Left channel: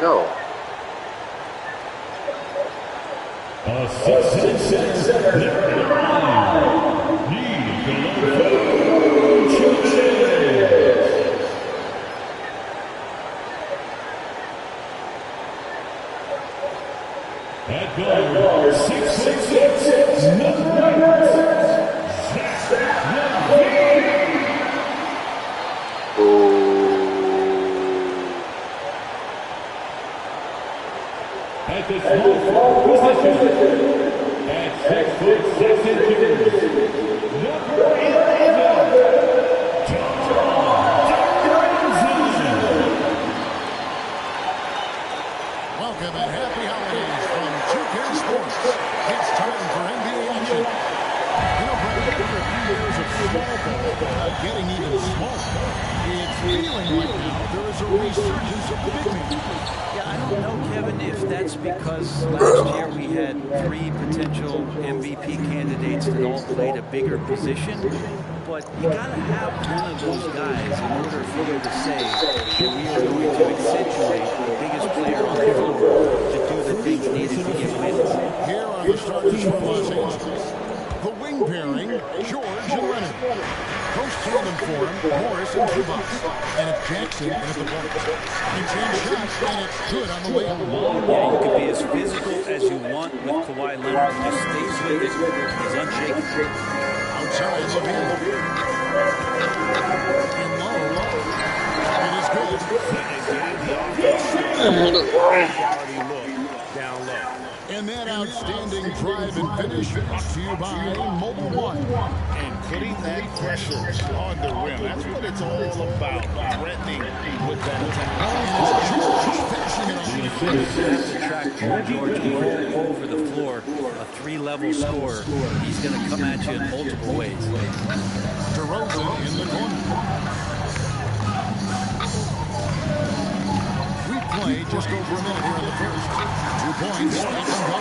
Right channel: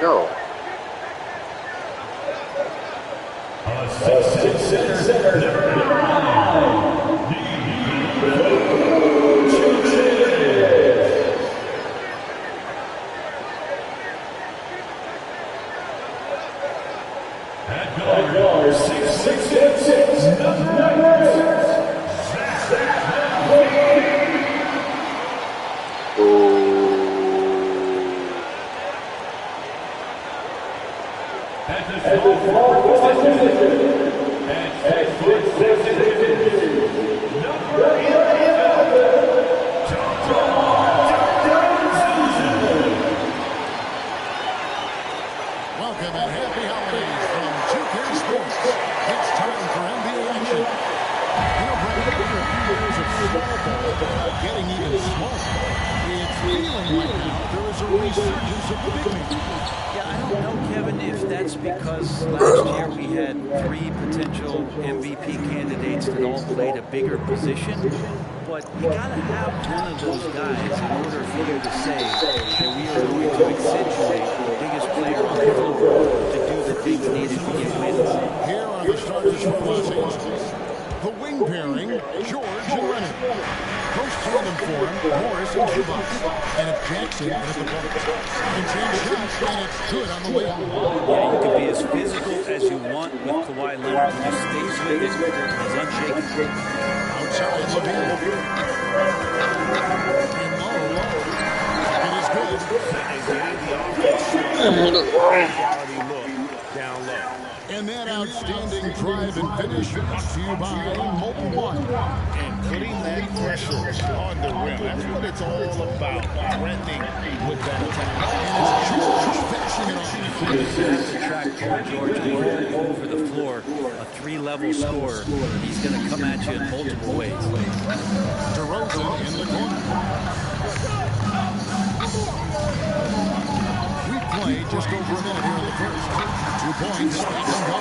No. At guard, 6'6", number 6, at the small position, at 6'6", number 11, Welcome and happy holidays from 2K Sports. It's time for NBA action. You know, Brett, after a few years of small ball getting even smaller, it's feeling like now there is a resurgence of the big men. Yeah, I don't know, Kevin, if that's because last year we had 3 potential MVP candidates that all played a bigger position. But you got to have one of those guys in order for you to say that we are going to accentuate the biggest player on the floor to do the things needed to get wins. Here are the starters for Los Angeles. The wing pairing, George and Leonard. Close tandem form, Morris and Zubac. And it's Jackson and it's the Bullets. And change shots, and it's good on the way out. Yeah, you can be as physical as you want with Kawhi Leonard. He just stays with it. He's unshaken. Outside, Levine. And low. It is good. And getting the offense quality look down low. And that outstanding drive and finish brought to you by Mobile One. And putting that pressure on the rim. That's what it's all about. Threatening with that attack. And it's George finishing it on. You have to track Paul George all over the floor. A 3-level scorer. He's going to come at you in multiple ways. DeRozan in the corner. We played just over a minute here in the first. 2 points, stop and go.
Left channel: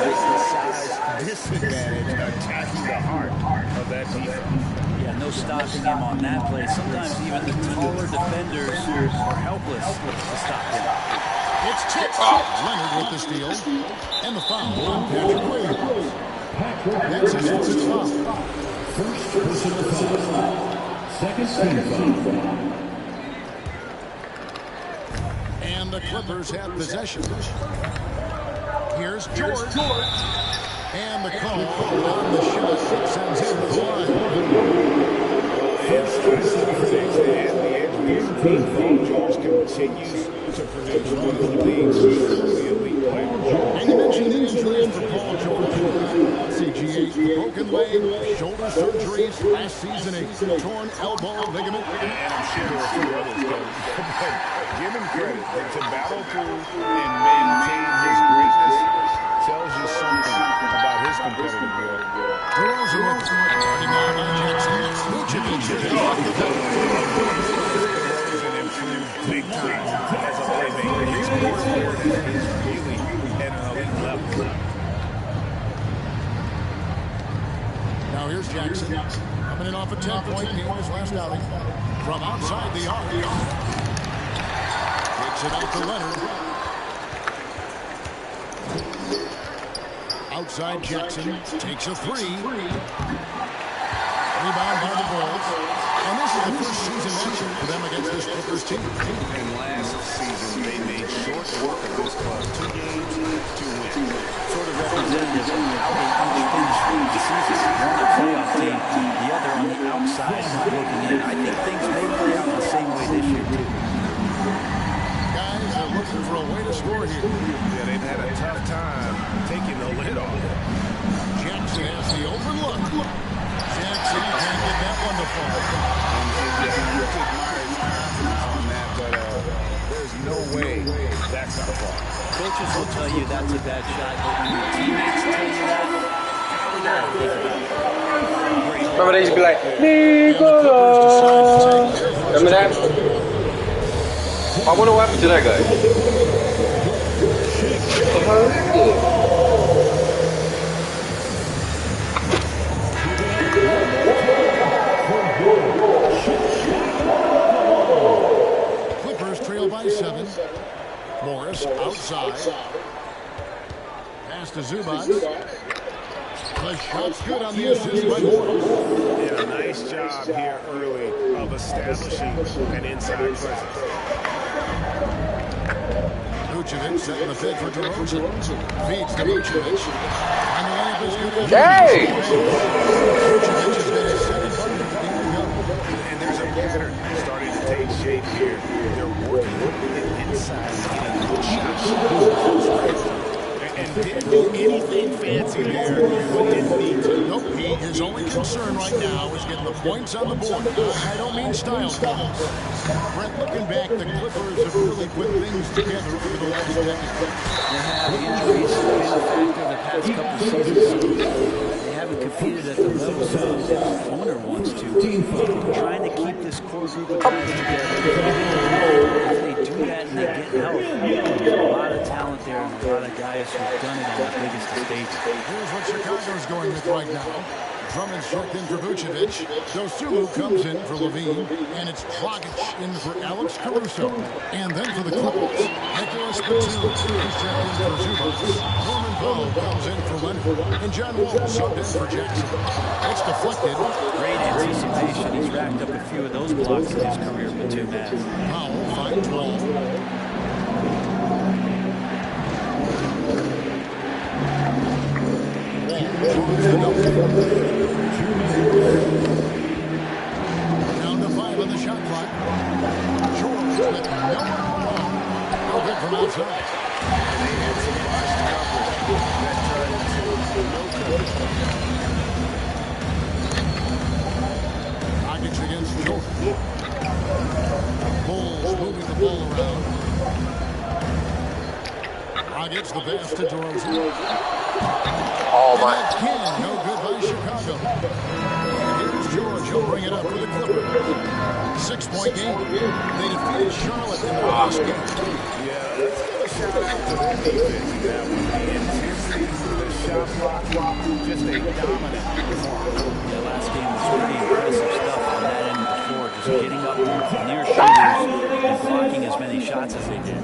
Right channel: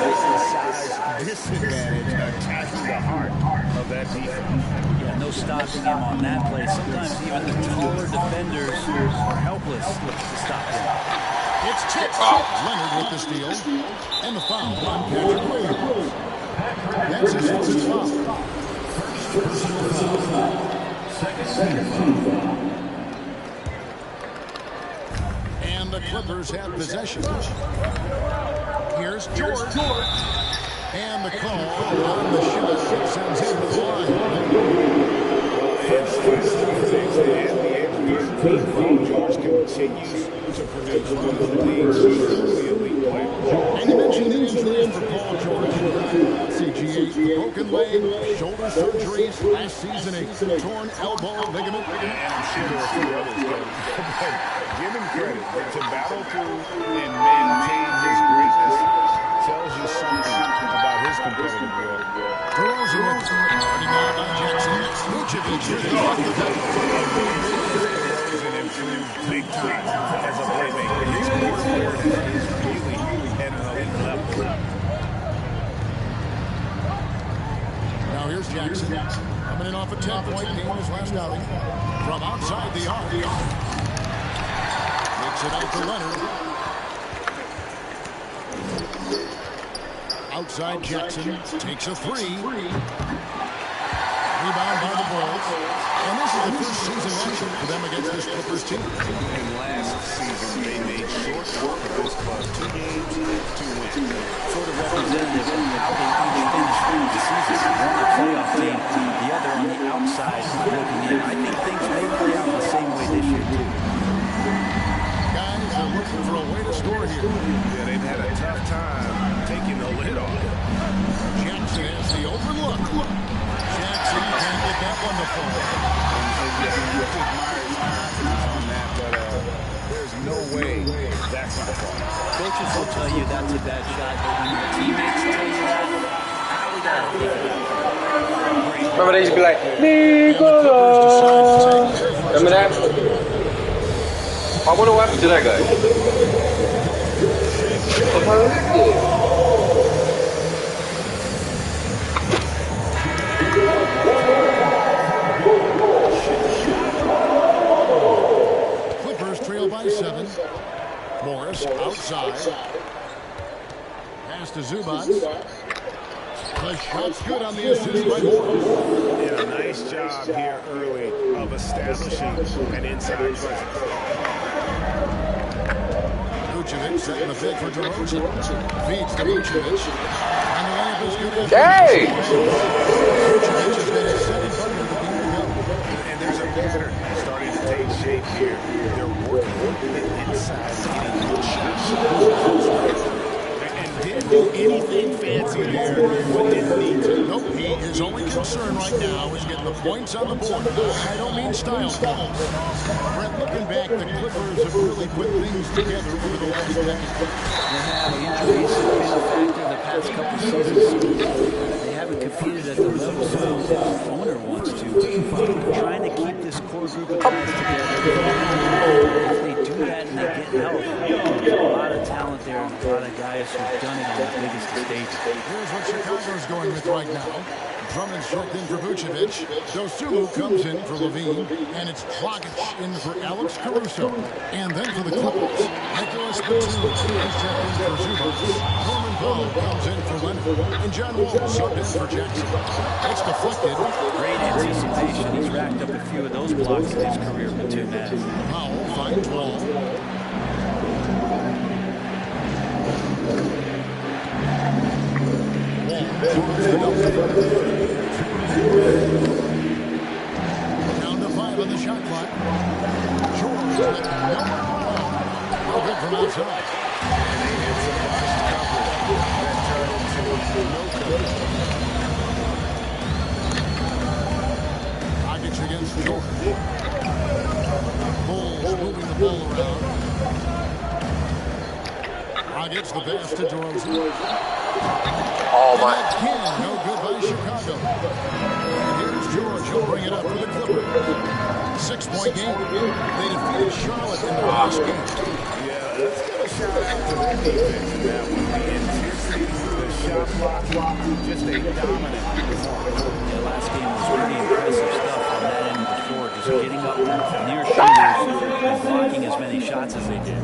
The size disadvantage attacking the heart of that defense. Yeah, no stopping him on that play. Sometimes even the taller defenders are helpless to stop him. It's tipped. Leonard with the steal. And the foul on Patrick Williams. That's his first foul. second foul. And the Clippers have possession. Here's George. And the call on the shot. It sends him to the line. Paul George continues to produce one of the league's truly elite players. And you mentioned the injuries for Paul George. CGA, the broken leg, shoulder surgeries, last season a torn elbow ligament. And I'm sure there are a few others, but give him credit. To battle through and maintain his greatness tells you something about his competitive world. DeRozan with starting out by Jackson. Vucevic. DeRozan improved big time as a playmaker. His court awareness is really at an elite level. Now here's Jackson. Coming in off a 10-point game in his last outing. From outside the arc. Takes it out to Leonard. Outside Jackson takes a three. Rebound by the Bulls. And this is the first season action for them against this Clippers team. And last season, they made short work of this club. 2 games, 2 wins. Sort of representative of how they each finished the season. One a playoff team, the other on the outside looking in. I think things may play out the same way this year, too. Guys are looking for a way to score here. Yeah, they've had a tough time taking the lid off. Jackson has the open look. Jackson can't get that one to fall. And you have to admire his confidence on that, but there's no way that's not a fall. Coaches will tell you that's a bad shot, but when your teammates tell you that, how we got to think about it. Remember they used to be like, Nicola! Remember that? I wonder what happened to that guy. Clippers trail by 6. 7. Morris outside. Pass to Zubac. The shot's good on the assist by Morris. And a nice job here early of establishing an inside presence. Vucevic setting the bid for DeRozan. Feeds to Vucevic. And the layup is good. Hey! Vucevic has got his second bucket of the game to go. And there's a pattern starting to take shape here. They're working the inside and getting good shots. And didn't do anything fancy there when didn't need to. Nope, his only concern right now is getting the points on the board. I don't mean style points. Brett, looking back, the Clippers have really put things together over the last decade. They have injuries have been a factor the past couple of seasons. They haven't competed at the level the owner wants to. Trying to keep this core group of guys together. If they do that and they get help, there's a lot of talent there and a lot of guys who've done it on the biggest of stages. Here's what Chicago's going with right now. Drummond's checked in for Vucevic. Dosunmu comes in for Levine. And it's Dragic in for Alex Caruso. And then for the Clippers, Nicholas Batum. He's checked in for Zubac. Norman Powell comes in for Leonard. And John Wall subbed in for Jackson. It's deflected. Great anticipation. He's racked up a few of those blocks in his career, Batum has. Powell finds Wall. Down to 5 on the shot clock. George with no one alone. No good from outside. And they had some botched coverage that turned into no coverage. Dragic against George. Bulls moving the ball around. Dragic the pass to DeRozan. Oh my! Again, no good by Chicago. And here's George. He'll bring it up for the Clippers. 6-point game. They defeated Charlotte in the last game. Yeah, let's give a shout out to their defense in that one. The intensity, the shot blocking, just a dominant performance. Yeah, last game was pretty impressive stuff on that end of the floor. Just getting up near shooters and blocking as many shots as they did.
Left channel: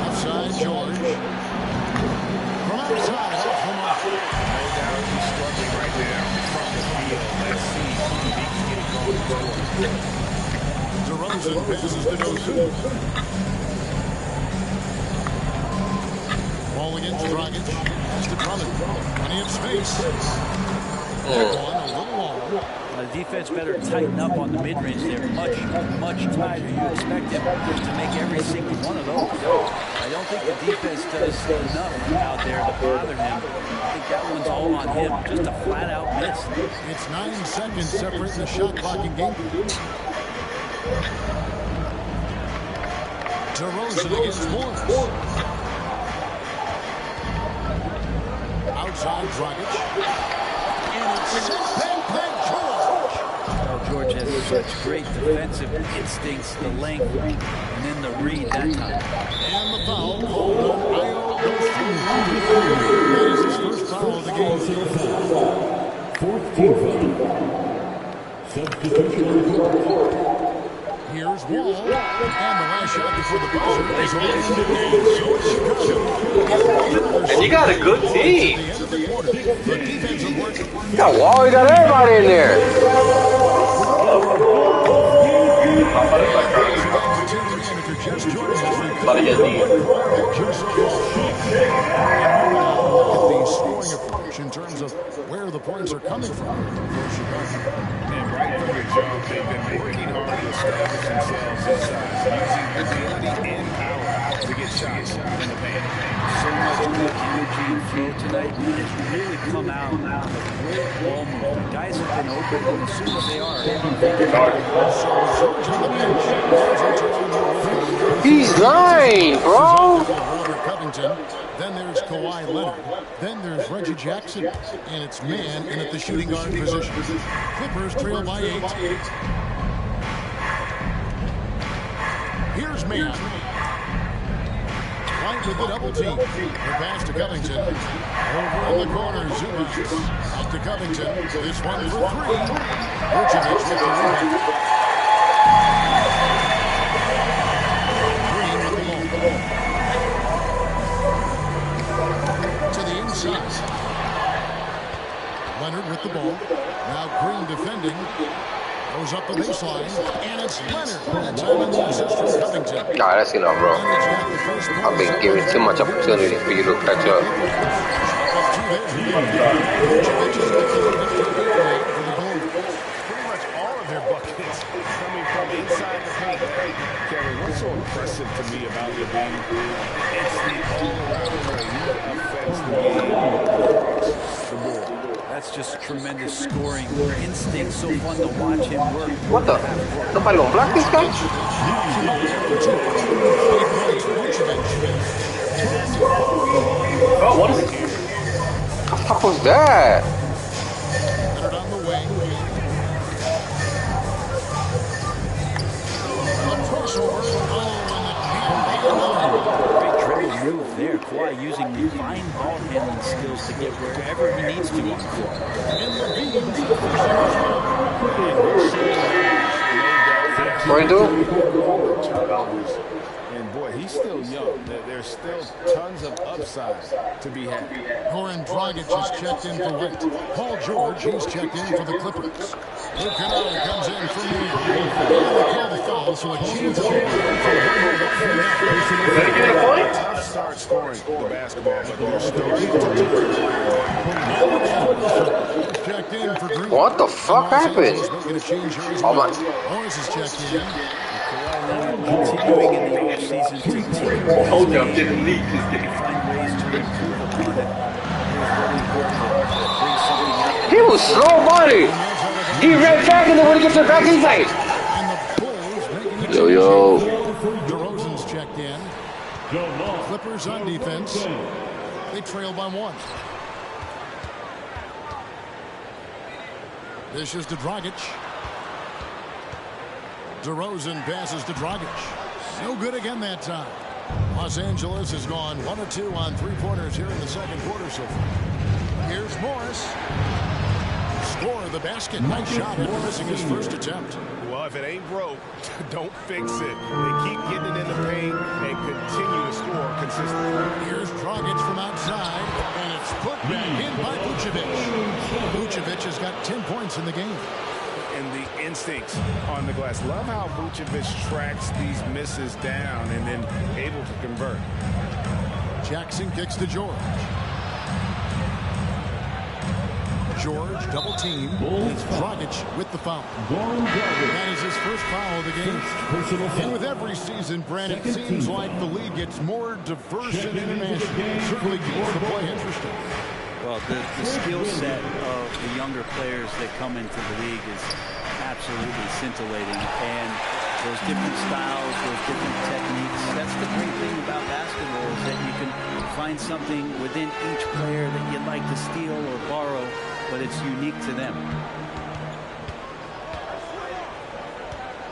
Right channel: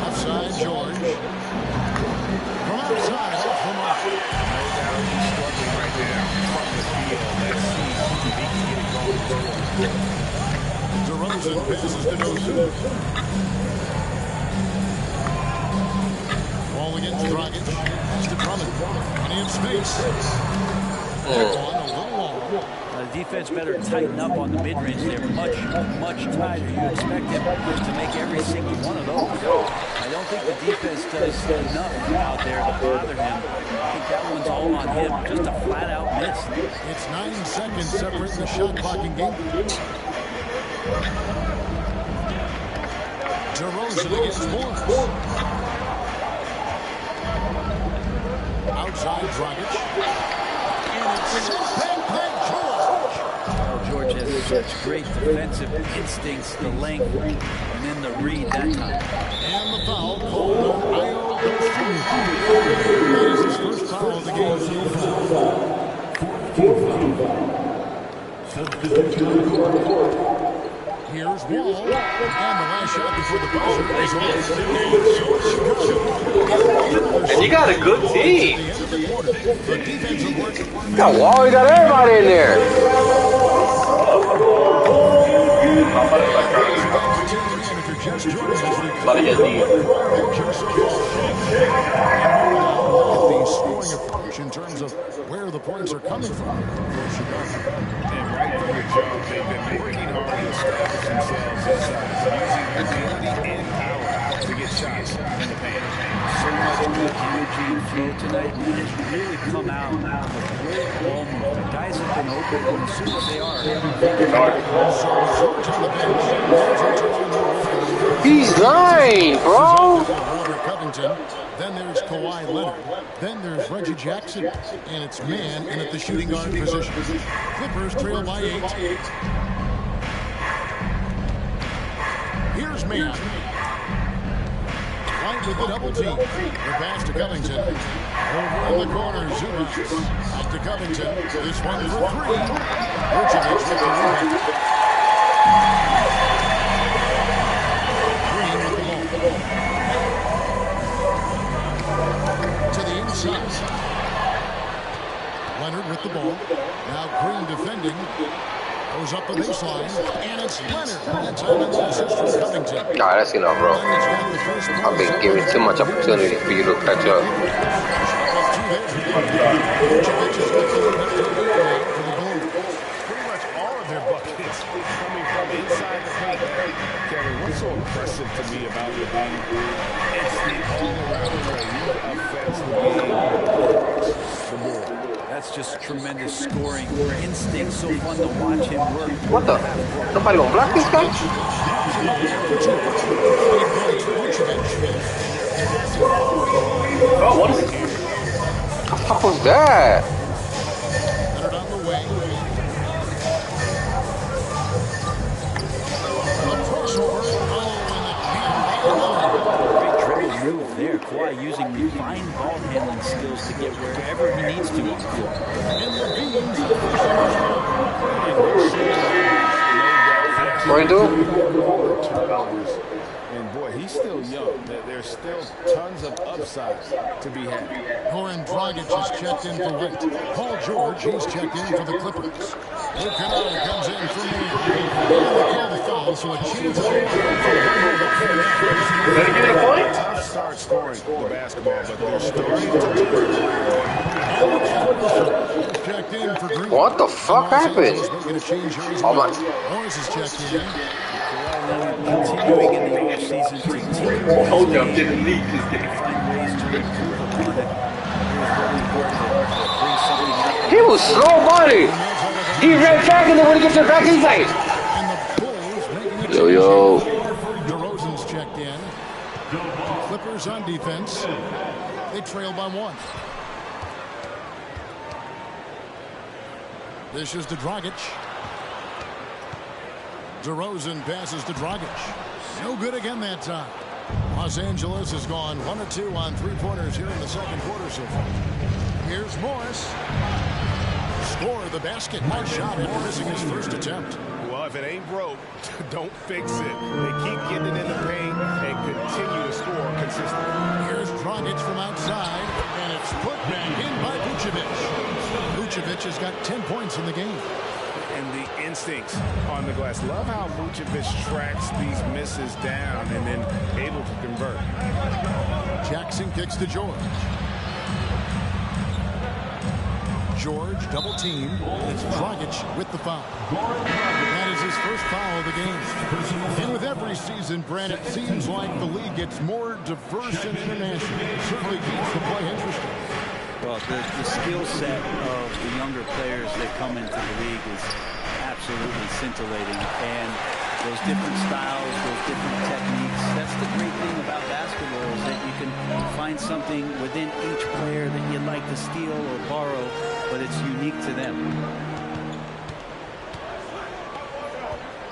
Outside George. From outside, off the mark. No doubt he's struggling right now from the field. Let's see if he can get it going. DeRozan passes to Dosunmu. Ball against Dragic. Pass to Drummond. Plenty of space. That one a little long. The defense better tighten up on the mid-range. They're much tighter. You expect them to make every single one of those. I don't think the defense does enough out there to bother him. I think that one's all on him. Just a flat-out miss. It's 9 seconds separating the shot blocking game. DeRozan against Morris. Outside Dragic. And it's sent back by George. Well, George has such great defensive instincts, the length, and then the read that time. And the foul called on Ayo Dosunmu. That is his first foul of the game. 14 foul. Substitution on the court. Here's Wall. And the last shot before the buzzer is on. And you got a good team. At the end of the quarter, the defensive work. You got Wall, you got everybody in there. Just joining us, the scoring approach in terms of where the points are coming from for Chicago. And right from the jump, they've been working hard to establish themselves inside, using agility and power to get shots in the paint. So much good energy and flow tonight. And it's really come out of great ball movement. Guys have been open, and as soon as they are, So George on the bench. He's lying, bro. Robert Covington. Then there's Kawhi Leonard. Then there's Reggie Jackson. And it's Man in at the shooting guard position. Clippers trail by 8. Here's Man. White with the double team. The pass to Covington. Over in the corner, Zubac. Back to Covington. This one for 3. Vucevic with the rebound. Goes up the baseline, and it's Leonard. That time on the assist from Covington. Nah, that's enough, bro. Leonard's got the first I've points been up giving for too much them. opportunity for you to catch up. Up to their lead. Vucevic has got the lead up to 8 now for the Bulls. Pretty much all of their buckets coming from inside the paint. Kevin, what's so impressive to me about Levine? It's the all-around play. He affects the game across the board. That's just tremendous scoring instinct. So fun to watch him work. What the? Nobody gonna block this guy? Oh, what is it? What the fuck was that? Leonard on the wing. A crossover. Oh, and the jam by Leonard. Great dribble move there. Kawhi using the fine ball handling skills to get wherever he needs to on the floor. And Levine's What do you do? Turnovers. And boy, he's still young. There's still tons of upside to be had. Goran Dragic has checked in for White. Paul George, he's checked in for the Clippers. Luke Kennard comes in for me. They call the foul, so a chance to Ready to get a point? Tough start scoring the basketball, but they're starting to He's checked in for Green. What the fuck happened? Oh my. Morris is checked in. Continuing in the offseason to Hold up, didn't leak. find ways to improve upon it. Bring something up. He was slow body. He ran back and then when he gets it back, he's like, And the Bulls making a yo, yo. DeRozan's checked in. Clippers on defense. They trail by 1. This is to Dragic. DeRozan passes to Dragic. No good again that time. Los Angeles has gone 1 of 2 on 3-pointers here in the second quarter so far. Here's Morris. Score the basket. Nice shot after missing his first attempt. Well, if it ain't broke, don't fix it. They keep getting it in the paint and continue to score consistently. Here's Dragic from outside, and it's put back in by Vucevic. Vucevic has got 10 points in the game. And the instincts on the glass. Love how Vucevic tracks these misses down and then able to convert. Jackson kicks to George. George double team. It's Dragic with the foul. That is his first foul of the game. And with every season, Brand, it seems like the league gets more diverse and international. It certainly keeps the play interesting. Well, the skill set of the younger players that come into the league is absolutely scintillating. And those different styles, those different techniques, that's the great thing about basketball is that you can find something within each player that you'd like to steal or borrow, but it's unique to them.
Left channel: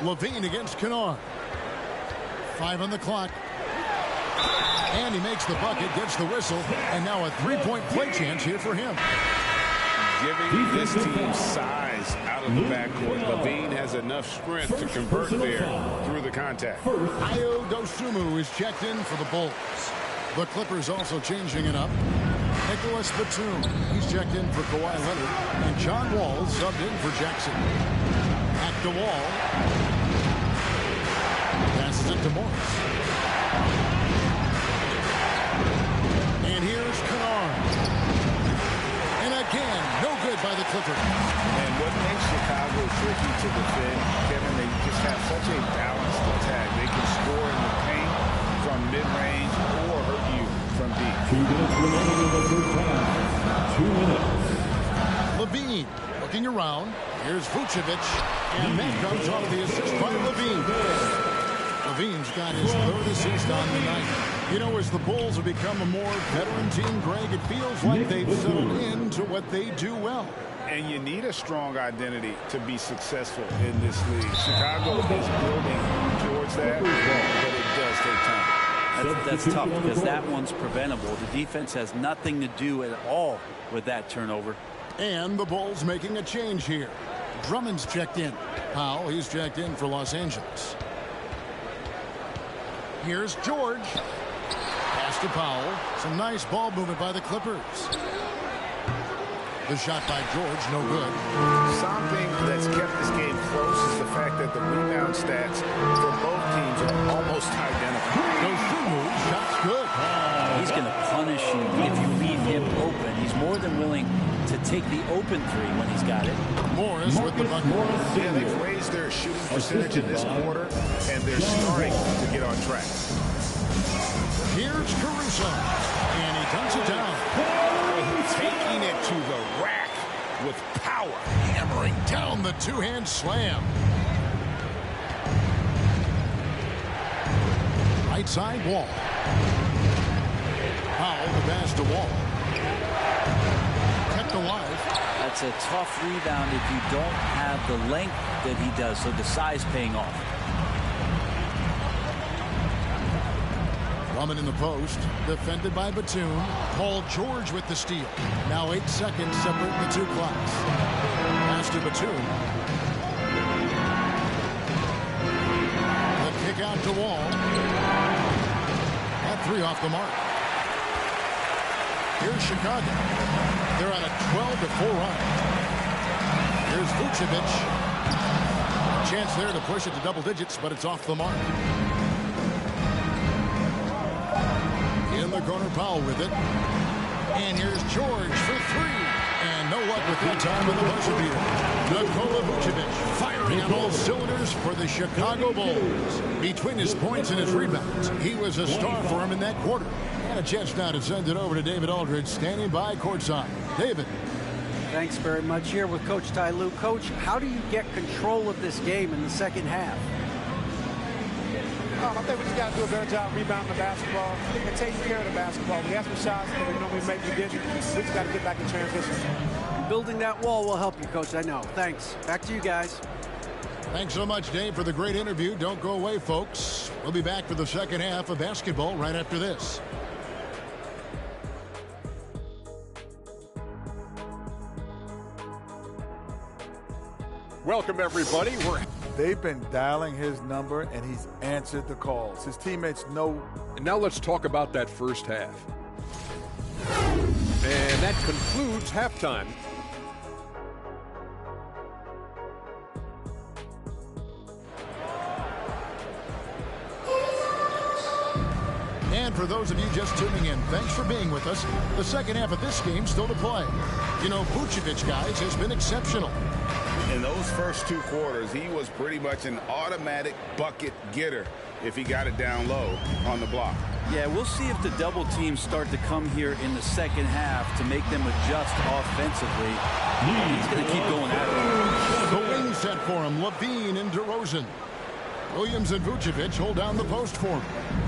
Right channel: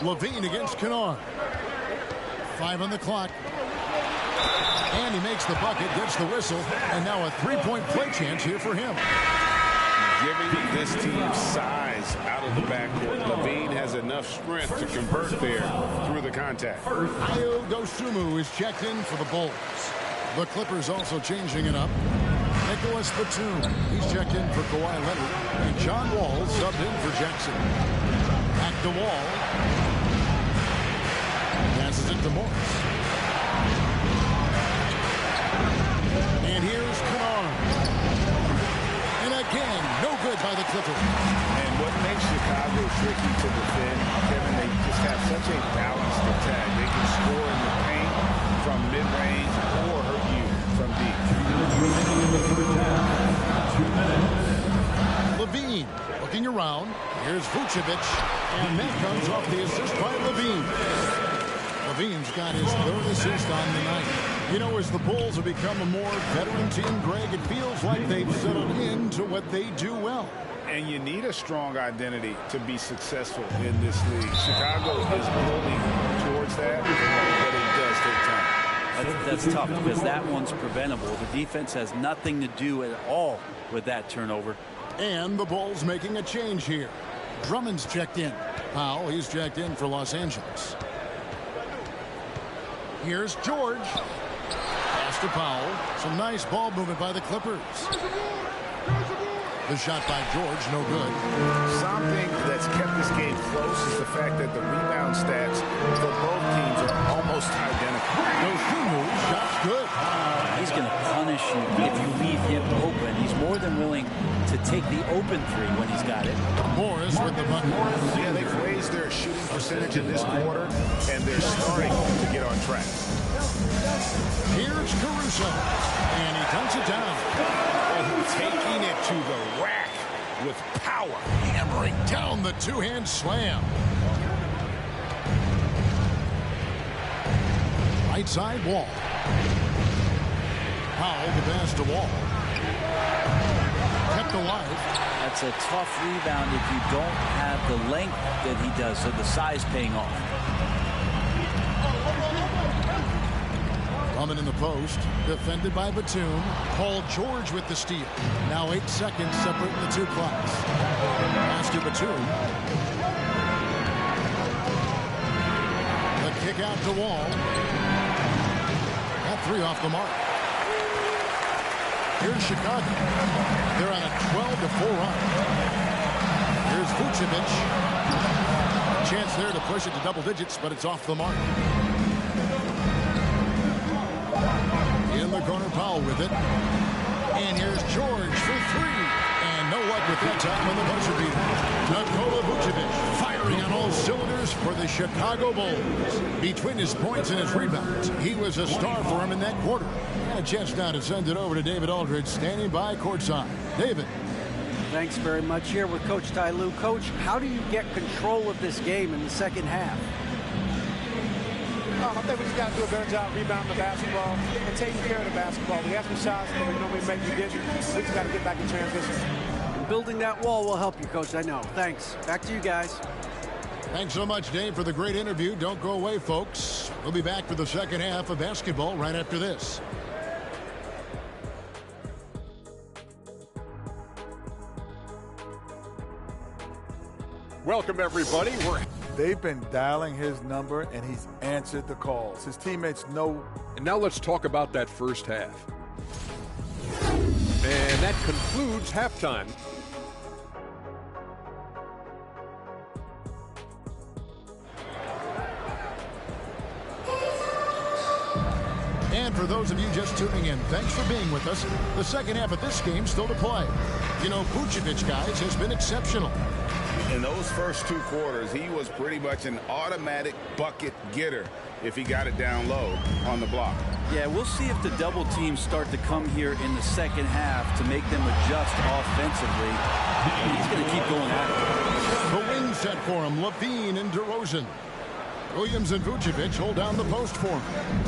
Levine against Kennard. 5 on the clock. And he makes the bucket, gets the whistle, and now a 3-point play chance here for him. Giving this team size out of the backcourt. Levine has enough strength to convert there through the contact. Ayo Dosunmu is checked in for the Bulls. The Clippers also changing it up. Nicholas Batum, he's checked in for Kawhi Leonard, and John Wall subbed in for Jackson. Back to Wall. Passes it to Morris. And here's Kennard. And again, no good by the Clippers. And what makes Chicago tricky to defend, Kevin, they just have such a balanced attack. They can score in the paint from mid-range or hurt you from deep. 2 minutes. Levine looking around. Here's Vucevic. And that comes off the assist by Levine. Levine's got his 3rd assist on the night. You know, as the Bulls have become a more veteran team, Greg, it feels like they've settled into what they do well. And you need a strong identity to be successful in this league. Chicago is building towards that, but it does take time. That's tough because that one's preventable. The defense has nothing to do at all with that turnover. And the Bulls making a change here. Drummond's checked in. Powell, he's checked in for Los Angeles. Here's George. Pass to Powell. Some nice ball movement by the Clippers. The shot by George, no good. Something that's kept this game close is the fact that the rebound stats for both teams are almost identical. Goes through moves, shot's good. He's going to punish you if you leave him open. He's more than willing to take the open three when he's got it. Morris with the bucket. Yeah, they've raised their shooting percentage in this quarter, and they're starting to get on track. Here's Caruso, and he dunks it down. Oh, taking it to the rack with power. Hammering down the two-hand slam. Right side Wall. Powell, the pass to Wall. Kept alive. That's a tough rebound if you don't have the length that he does, so the size paying off. Drummond in the post, defended by Batum. Paul George with the steal. Now 8 seconds separating the two clocks. Pass to Batum. The kick out to Wall. That three off the mark. Here's Chicago. They're on a 12-4 run. Here's Vucevic. Chance there to push it to double digits, but it's off the mark. In the corner, Powell with it. And here's George for three. And no luck with that time on the buzzer beater. Nikola Vucevic firing on all cylinders for the Chicago Bulls. Between his points and his rebounds, he was a star for him in that quarter. And a chance now to send it over to David Aldridge, standing by courtside. David. Thanks very much. Here with Coach Ty Lue. Coach, how do you get control of this game in the second half? I think we just got to do a better job rebounding the basketball and taking care of the basketball. We had some shots that we normally make, we didn't. We just got to get back in transition. Building that wall will help you, Coach, I know. Thanks. Back to you guys. Thanks so much, Dave, for the great interview. Don't go away, folks. We'll be back for the second half of basketball right after this. Welcome, everybody. They've been dialing his number, and he's answered the calls. His teammates know. And now let's talk about that first half. And that concludes halftime. And for those of you just tuning in, thanks for being with us. The second half of this game still to play. You know, Vucevic, guys, has been exceptional. In those first two quarters, he was pretty much an automatic bucket getter if he got it down low on the block. Yeah, we'll see if the double teams start to come here in the second half to make them adjust offensively. And he's going to keep going at it. The wing set for him, Levine and DeRozan. Williams and Vucevic hold down the post for him.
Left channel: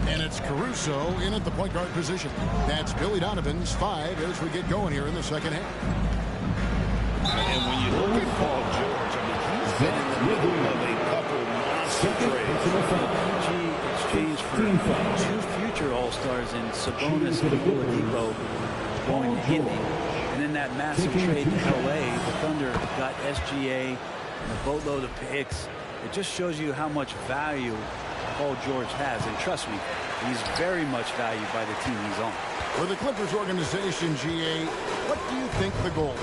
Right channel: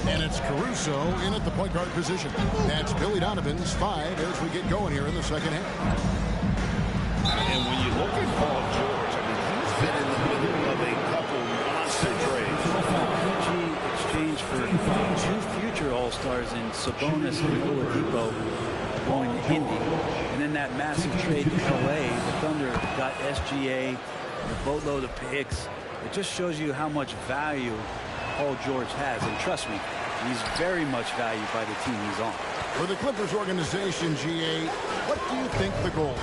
And it's Caruso in at the point guard position. That's Billy Donovan's 5 as we get going here in the second half. And when you look at Paul George, I mean, he's been in the middle of a couple monster trades. PG exchange for two future All-Stars in Sabonis and Oladipo going to Indy. And then that massive trade to L.A., the Thunder got SGA and a boatload of picks. It just shows you how much value Paul George has. And trust me, he's very much valued by the team he's on. For the Clippers organization, GA, what do you think the goal is?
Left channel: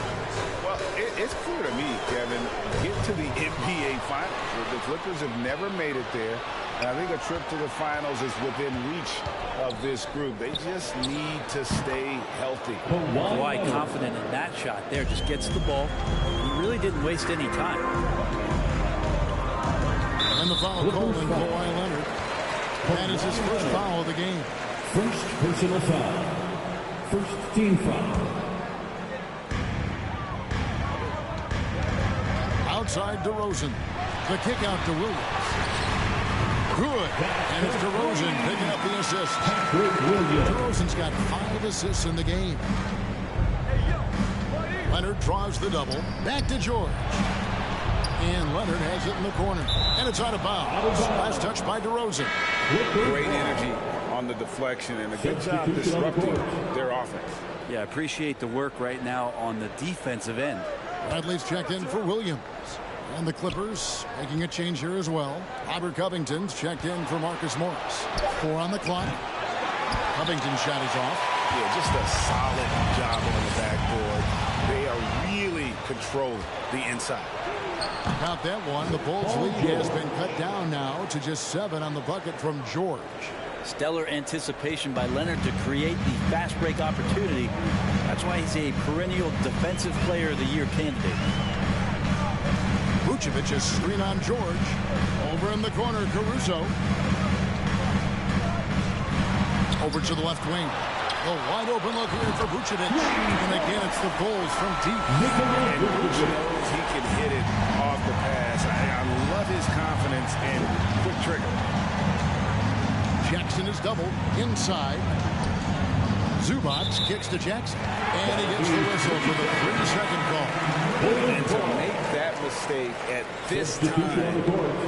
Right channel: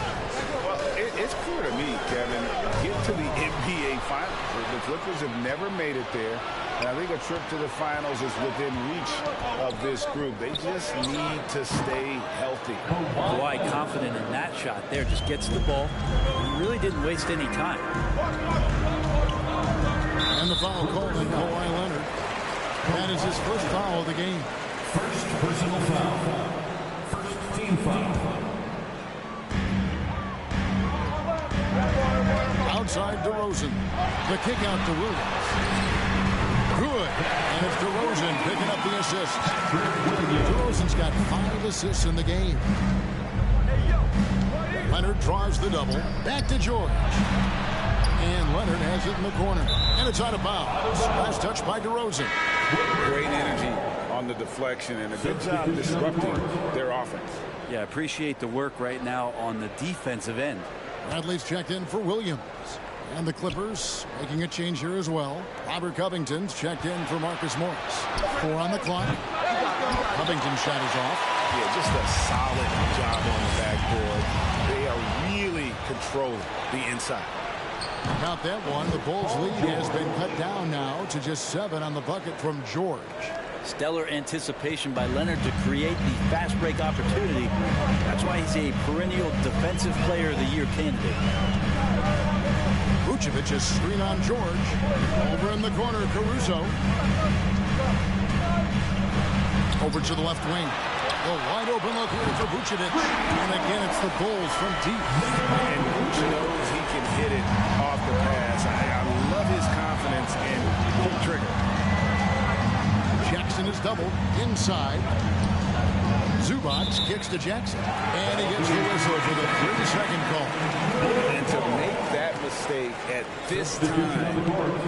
Well, it's clear to me, Kevin, get to the NBA Finals. The Clippers have never made it there. And I think a trip to the Finals is within reach of this group. They just need to stay healthy. Kawhi confident in that shot there. Just gets the ball. He really didn't waste any time. And the foul called on Kawhi Leonard. That is his first foul of the game. First personal foul. First team foul. Outside DeRozan. The kick out to Williams. Good. And it's DeRozan picking up the assist. DeRozan's got 5 assists in the game. Leonard draws the double. Back to George. And Leonard has it in the corner. And it's out of bounds. Last touch by DeRozan. Great energy on the deflection and a good job disrupting their offense. Yeah, appreciate the work right now on the defensive end. Bradley's checked in for Williams. And the Clippers making a change here as well. Robert Covington's checked in for Marcus Morris. 4 on the clock. Covington's shot is off. Yeah, just a solid job on the backboard. They are really controlling the inside. Count that one. The Bulls' lead has been cut down now to just 7 on the bucket from George. Stellar anticipation by Leonard to create the fast break opportunity. That's why he's a perennial Defensive Player of the Year candidate. Vucevic is screen on George. Over in the corner, Caruso. Over to the left wing. A wide open look here for Vucevic. And again, it's the Bulls from deep. And Vucevic knows he can hit it off the pass. I love his confidence and quick trigger. Jackson is doubled inside. Zubac kicks to Jackson. And he gets the whistle for the 3-second call. And to make that mistake at this time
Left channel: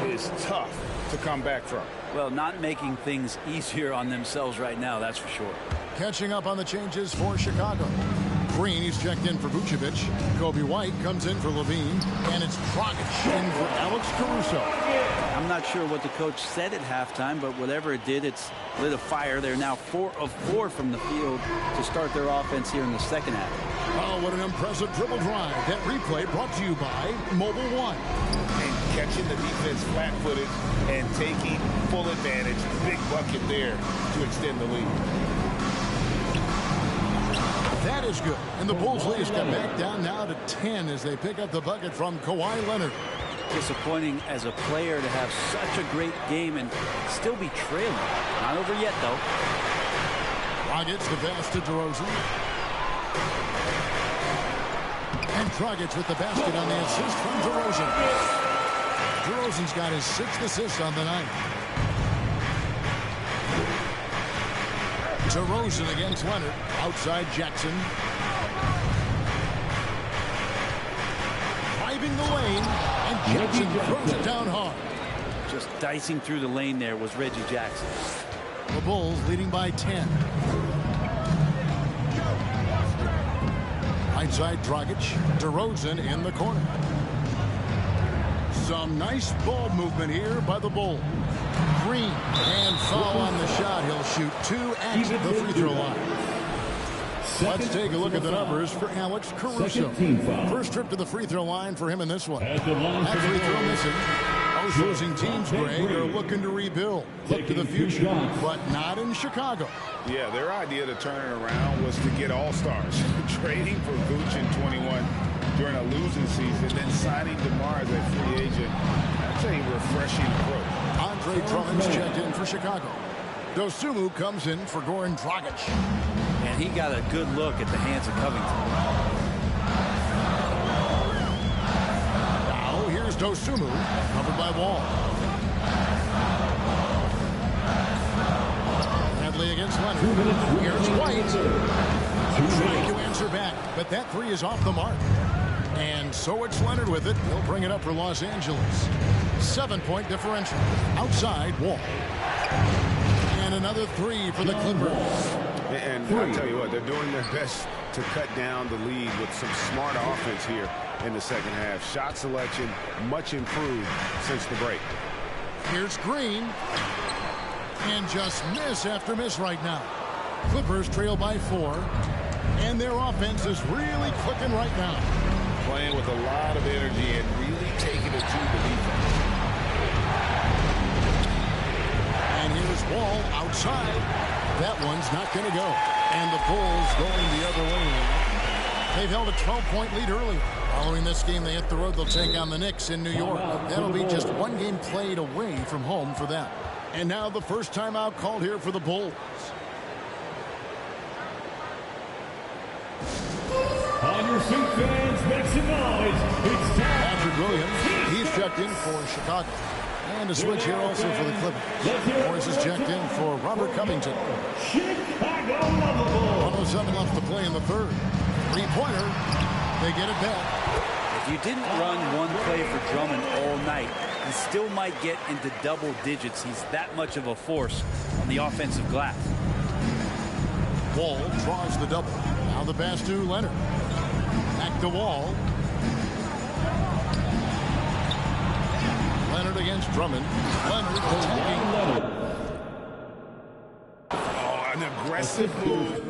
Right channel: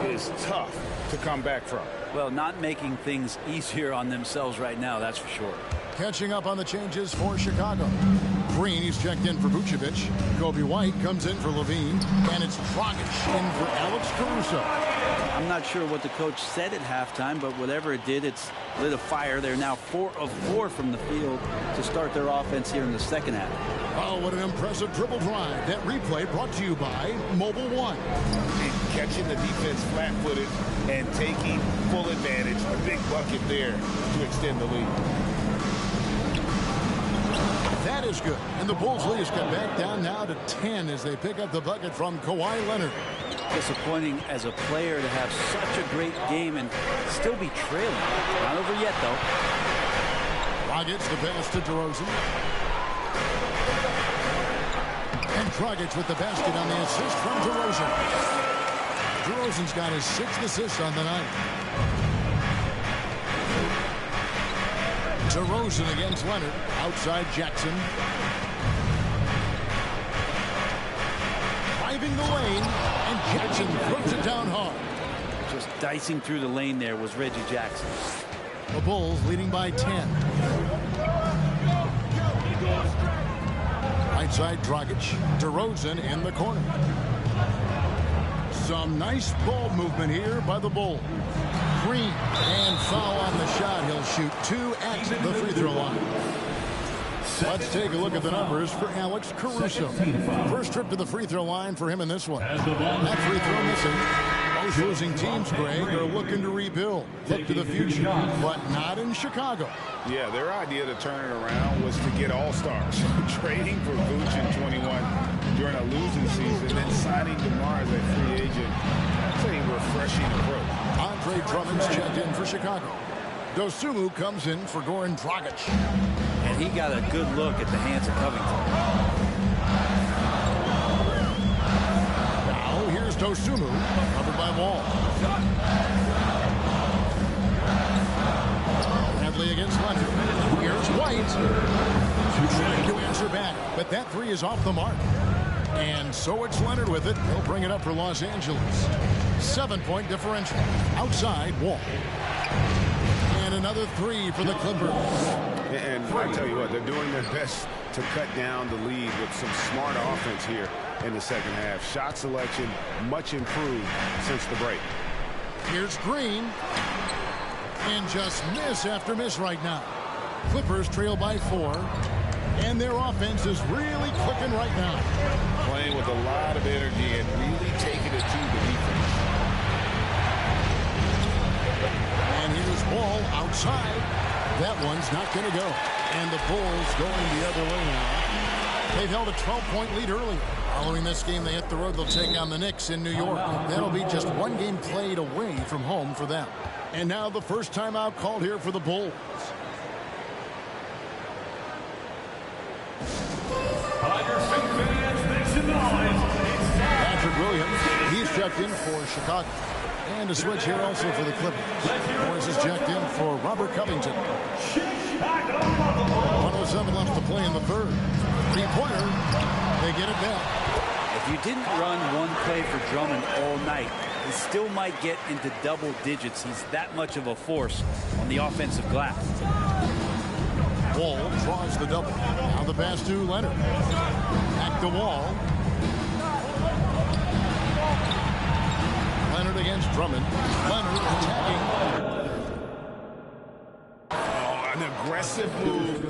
is tough to come back from. Well, not making things easier on themselves right now, that's for sure. Catching up on the changes for Chicago. Green, he's checked in for Vucevic. Kobe White comes in for Levine. And it's Dragic in for Alex Caruso. I'm not sure what the coach said at halftime, but whatever it did, it's lit a fire. They're now 4 of 4 from the field to start their offense here in the second half. Oh, what an impressive dribble drive. That replay brought to you by Mobile One. And catching the defense flat-footed and taking full advantage. A big bucket there to extend the lead. That is good. And the Bulls' lead has got back down now to 10 as they pick up the bucket from Kawhi Leonard. Disappointing as a player to have such a great game and still be trailing. Not over yet, though. Dragic the pass to DeRozan. And Dragic with the basket on the assist from DeRozan. DeRozan's got his 6th assist on the night. DeRozan against Leonard. Outside Jackson. Driving the lane. And Jackson throws it down hard. Just dicing through the lane there was Reggie Jackson. The Bulls leading by 10. Right side Dragic. DeRozan in the corner. Some nice ball movement here by the Bulls. Green and foul on the shot. He'll shoot 2 at the free throw line. Let's take a look at the numbers for Alex Caruso. First trip to the free throw line for him in this one. That free throw missing. Most losing teams, Greg, are looking to rebuild. Look to the future, but not in Chicago. Yeah, their idea to turn it around was to get all-stars. Trading for Vooch in 21 during a losing season, then signing DeMar as a free agent. That's a refreshing approach. Andre Drummond's checked in for Chicago. Dosunmu comes in for Goran Dragic. And he got a good look at the hands of Covington. Now here's Dosunmu, covered by Wall. Bradley against Leonard. Here's White. Trying to answer back, but that 3 is off the mark. And so it's Leonard with it. He'll bring it up for Los Angeles. 7-point differential. Outside, Wall. And another 3 for the Clippers. And I tell you what, they're doing their best to cut down the lead with some smart offense here in the second half. Shot selection much improved since the break. Here's Green. And just miss after miss right now. Clippers trail by 4. And their offense is really clicking right now. Playing with a lot of energy and really taking it to the defense. And here's Wall outside. That one's not going to go. And the Bulls going the other way now. They've held a 12-point lead earlier. Following this game, they hit the road. They'll take on the Knicks in New York. That'll be just 1 game played away from home for them. And now the first timeout called here for the Bulls. On your feet, fans, make some noise. It's time. Patrick Williams, he's checked in for Chicago. And a switch here also for the Clippers. Morris is checked in for Robert Covington. 1:07 left to play in the third. 3-pointer. They get it back. If you didn't run one play for Drummond all night, he still might get into double digits. He's that much of a force on the offensive glass. Wall draws the double. Now the pass to Leonard. Back to Wall. Leonard against Drummond. Leonard attacking. Oh, an aggressive move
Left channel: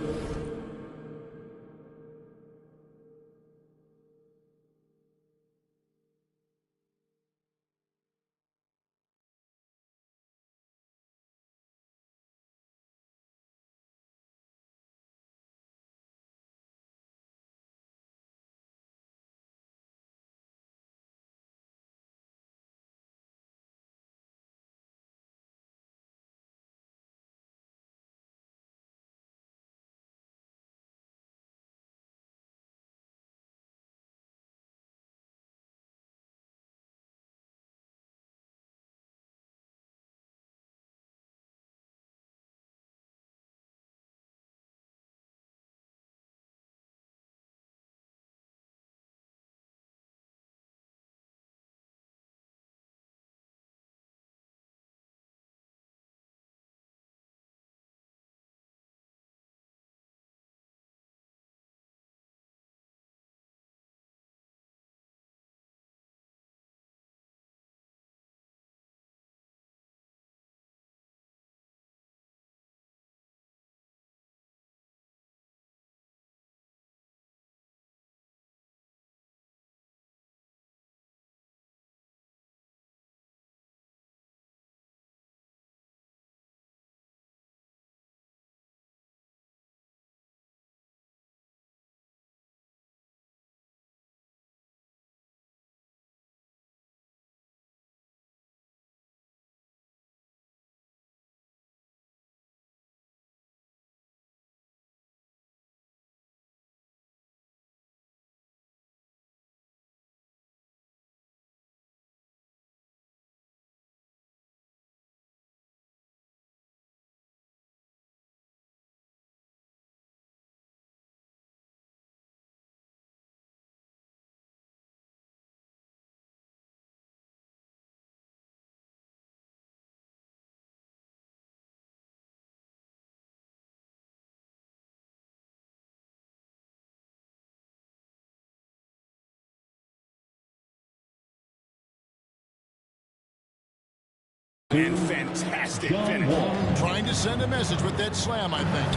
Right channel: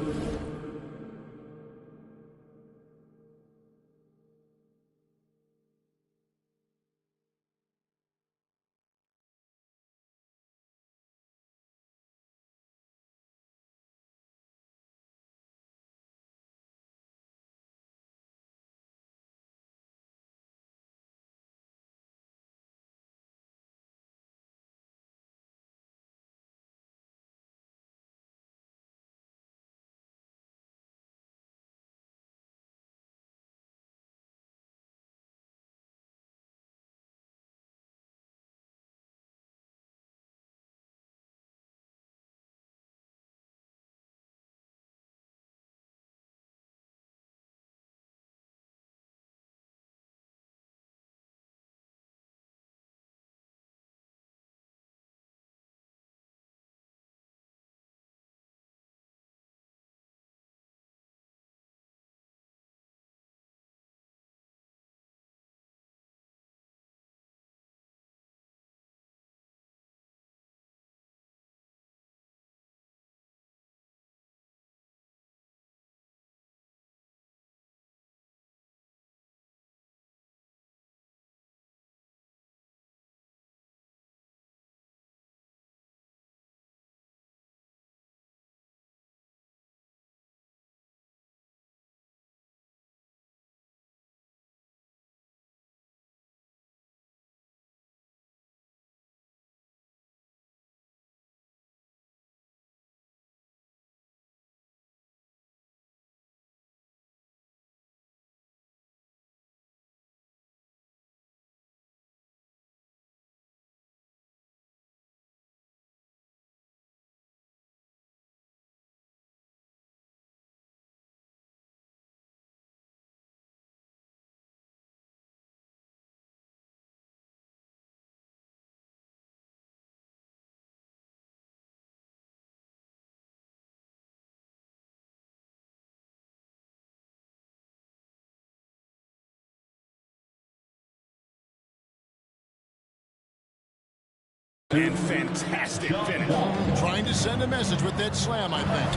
And fantastic finish. Trying to send a message with that slam, I think.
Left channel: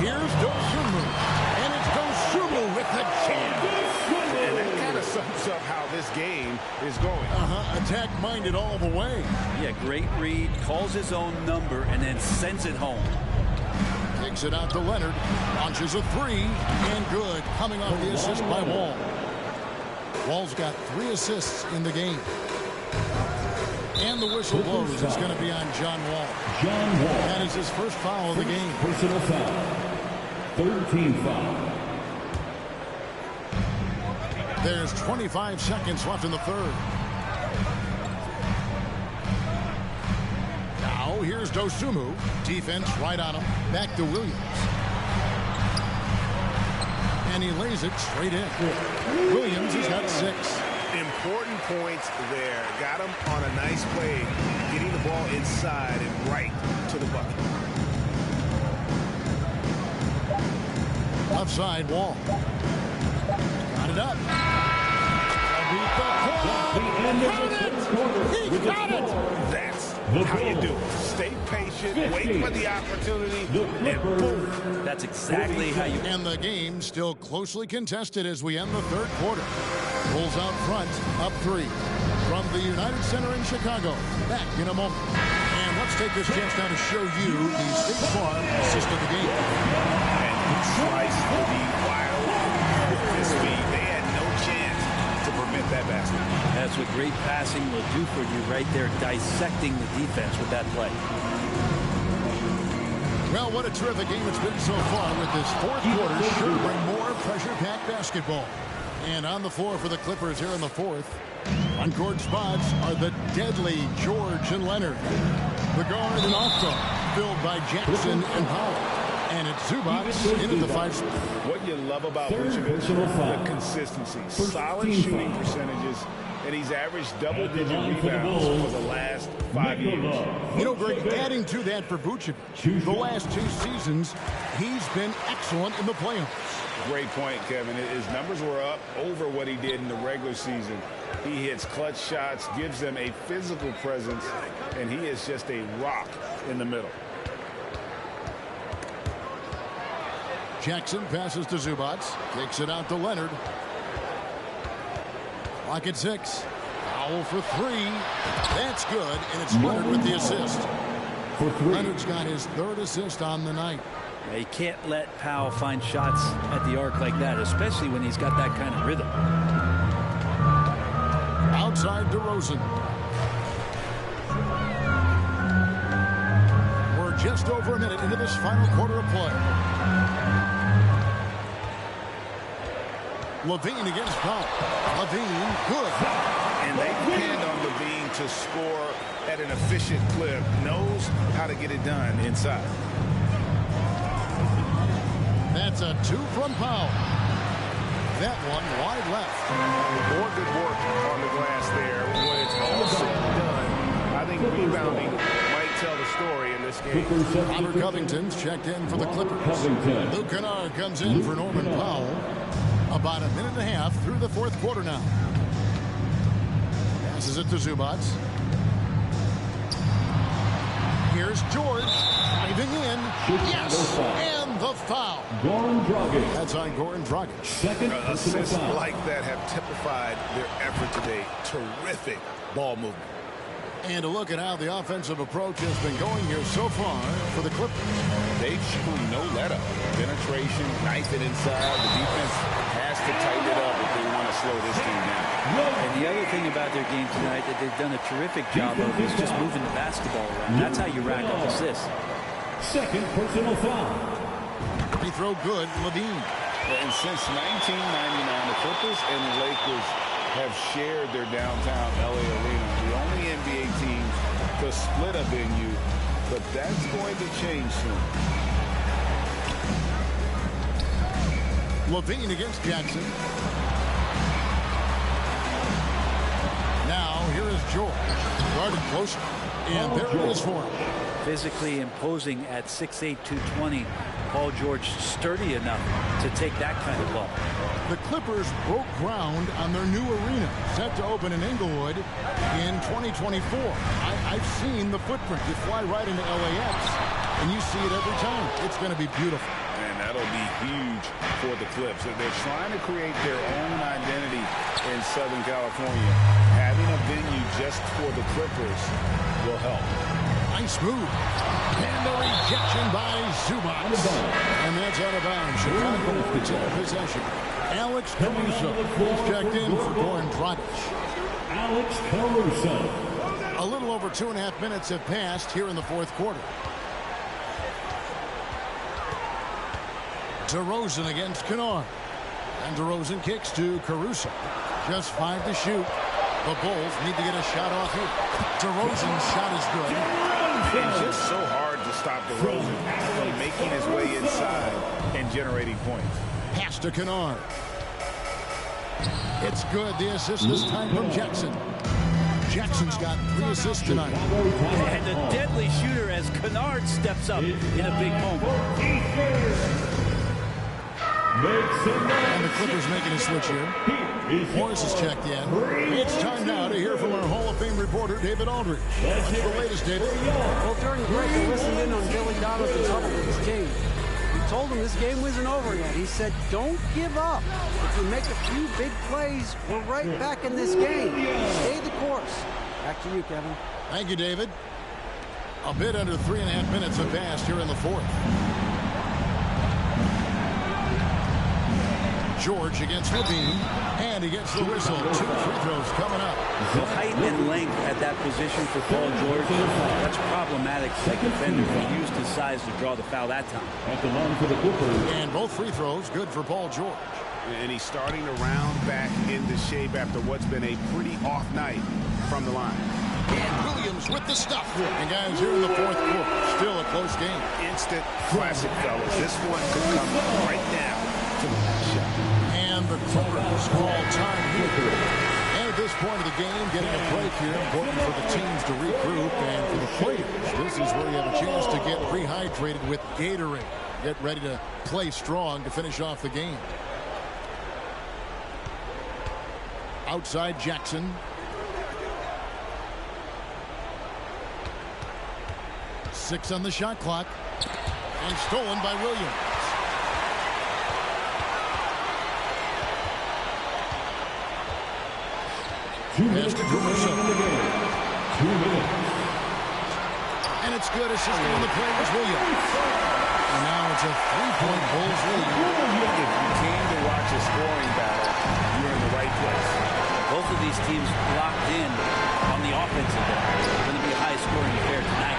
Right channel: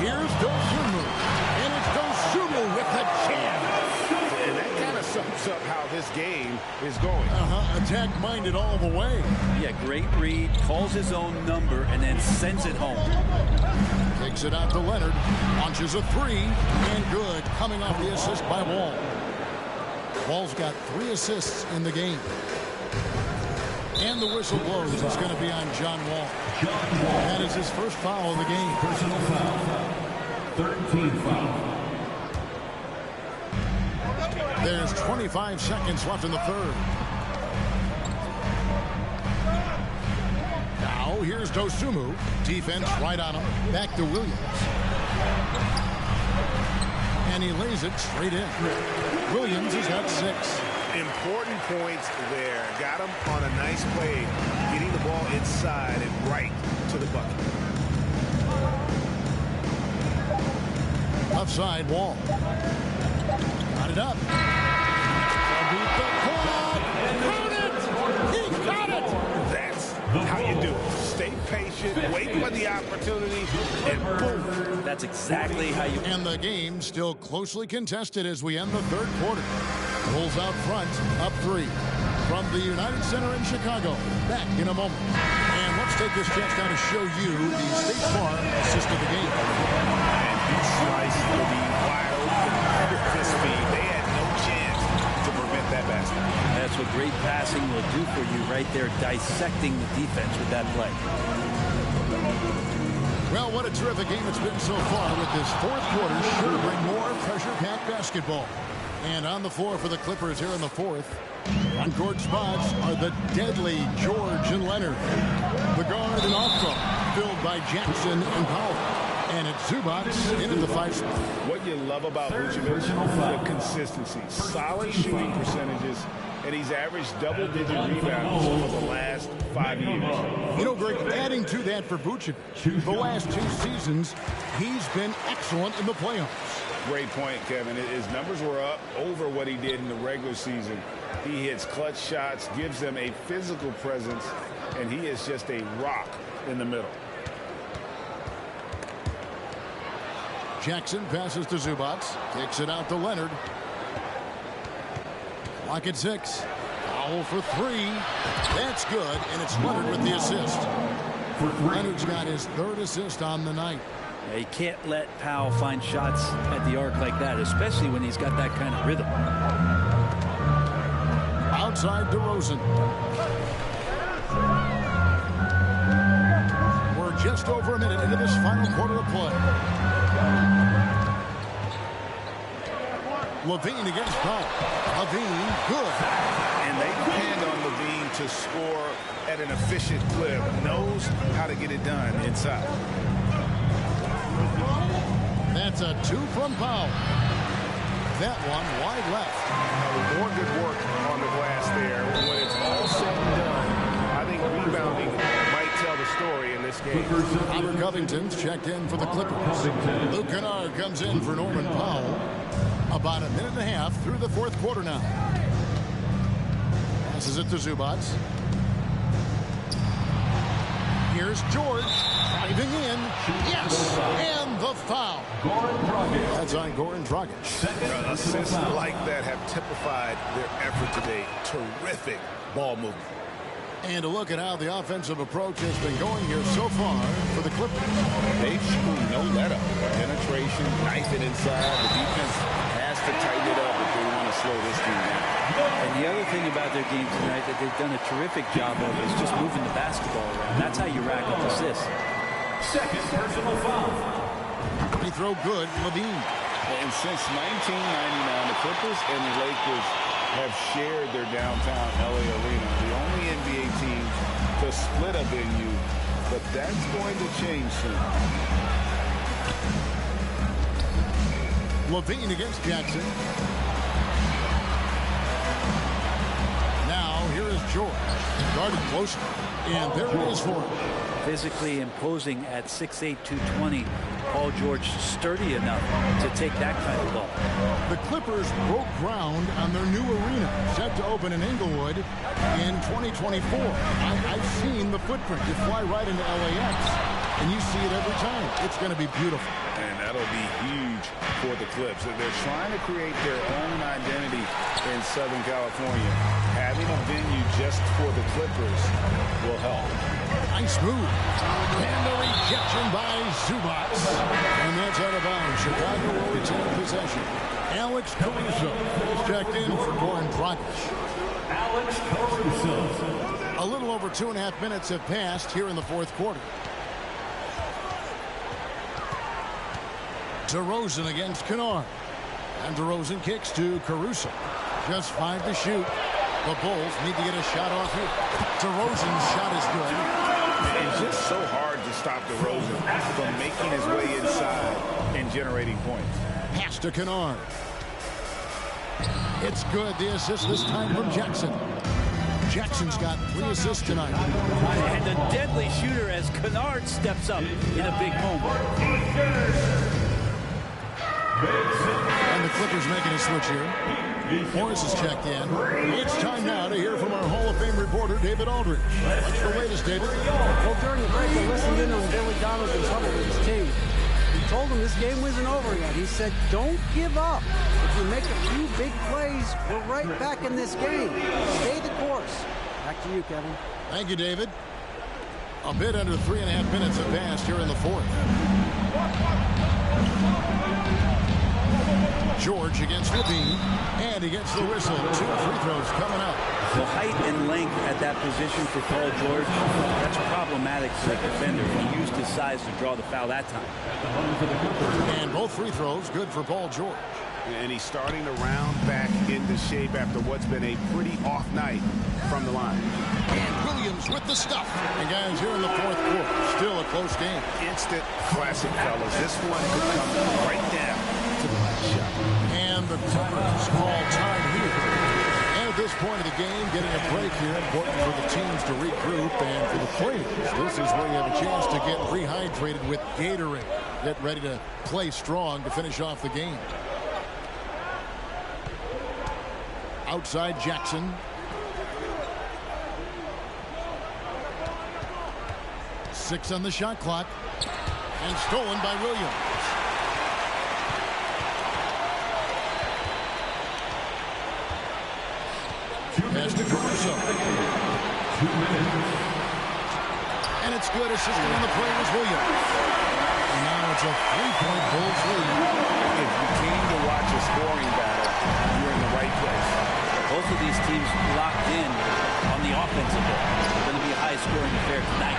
Here's Dosumu. And it's Dosumu with the jam. And that kind of sums up how this game is going. Attack-minded all the way. Yeah, great read. Calls his own number and then sends it home. Kicks it out to Leonard. Launches a three. And good. Coming off the assist by Wall. Wall's got 3 assists in the game. And the whistle blows. It's going to be on John Wall. That is his first foul of the game. Personal foul. 13 foul. There's 25 seconds left in the third. Now here's Dosumu. Defense right on him. Back to Williams. And he lays it straight in. Williams has got 6. Important points there. Got him on a nice play, getting the ball inside and right to the bucket. Left side, Wall. Got it up. To beat the quad. Count it! He got it! That's how you do it. Stay patient, wait for the opportunity, and boom. That's exactly how you... And the game still closely contested as we end the third quarter. Bulls out front, up 3. From the United Center in Chicago. Back in a moment. And let's take this chance now to show you the State Farm assist of the game. And he sliced for the wide open with this speed. They had no chance to prevent that basket. That's what great passing will do for you right there, dissecting the defense with that play. Well, what a terrific game it's been so far with this fourth quarter. Sure to bring more pressure-packed basketball. And on the floor for the Clippers here in the fourth. On-court spots are the deadly George and Leonard. The guard and off-guard filled by Jackson and Powell. And it's Zubac in at the 5 spot. What you love about Vucevic, the consistency, solid shooting percentages, and he's averaged double-digit rebounds for the last 5 years. You know, Greg, adding to that for Vucevic, the last 2 seasons, he's been excellent in the playoffs. Great point, Kevin. His numbers were up over what he did in the regular season. He hits clutch shots, gives them a physical presence, and he is just a rock in the middle. Jackson passes to Zubac, kicks it out to Leonard. Clock at 6. Powell for 3. That's good, and it's Leonard with the assist. Leonard's got his 3rd assist on the night. Yeah, you can't let Powell find shots at the arc like that, especially when he's got that kind of rhythm. Outside DeRozan. We're just over a minute into this final quarter of play. Levine against Powell. Levine, good. And they depend on Levine to score at an efficient clip. Knows how to get it done inside. That's a 2 from Powell. That one wide left. More good work on the glass there. When it's all said and done, I think rebounding might tell the story in this game. Robert Covington's checked in for the Clippers. Luke Kennard comes in for Norman Powell. About a minute and a half through the fourth quarter now. Passes it to Zubac. Here's George driving in. Yes, and the foul. That's on Goran Dragic. Assists like that have typified their effort today. Terrific ball movement. And a look at how the offensive approach has been going here so far for the Clippers. They've shown no let-up. Penetration, knife it inside. The defense has to tighten it up if they want to slow this team down. And the other thing about their game tonight that they've done a terrific job of is just moving the basketball around. That's how you rack up assists. Second personal foul. Free throw good, Levine. And since 1999, the Clippers and the Lakers have shared their downtown LA arena. The only NBA teams to split a venue, but that's going to change soon. Levine against Jackson. Now here is George. Guarded closely. And there it is for him. Physically imposing at 6'8", 220. Paul George sturdy enough to take that kind of ball. The Clippers broke ground on their new arena, set to open in Inglewood in 2024. I've seen the footprint. You fly right into LAX, and you see it every time. It's going to be beautiful. And that'll be huge for the Clips. They're trying to create their own identity in Southern California. Having a venue just for the Clippers will help. Nice move. And the rejection by Zubac. And that's out of bounds. Chicago will retain possession. Alex Caruso is checked in for Goran Dragic. Alex Caruso. A little over 2.5 minutes have passed here in the fourth quarter. DeRozan against Kennard. And DeRozan kicks to Caruso. Just 5 to shoot. The Bulls need to get a shot off here. DeRozan's shot is good. It's just so hard to stop DeRozan from making his way inside and generating points. Pass to Kennard. It's good. The assist this time from Jackson. Jackson's got 3 assists tonight. And a deadly shooter as Kennard steps up in a big moment. And the Clippers making a switch here. Morris is checked in. It's time now to hear from our Hall of Fame reporter, David Aldridge. What's the latest, David? Well, during the break, I listened in on Billy Donovan's huddle with his team. He told him this game wasn't over yet. He said, don't give up. If you make a few big plays, we're right back in this game. Stay the course. Back to you, Kevin. Thank you, David. A bit under 3.5 minutes have passed here in the fourth. George against Levine, and he gets the whistle. 2 free throws coming up. The height and length at that position for Paul George, that's problematic for a defender, and he used his size to draw the foul that time. At the line for the Clippers. And both free throws good for Paul George. And he's starting to round back into shape after what's been a pretty off night from the line. And Williams with the stuff. And guys, here in the fourth quarter, still a close game. Instant classic, fellas. This one could come right down to the last shot. And the Clippers call time here. And at this point of the game, getting a break here, important for the teams to regroup. And for the players, this is where you have a chance to get rehydrated with Gatorade. Get ready to play strong to finish off the game. Outside Jackson. Six on the shot clock. And stolen by Williams. Pass to Caruso. 2 minutes. And it's good. Assisting on the play was Williams. And now it's a 3-point Bulls lead. If you came to watch a scoring battle, you're in the right place. Both of these teams locked in on the offensive end. It's going to be a high-scoring affair tonight.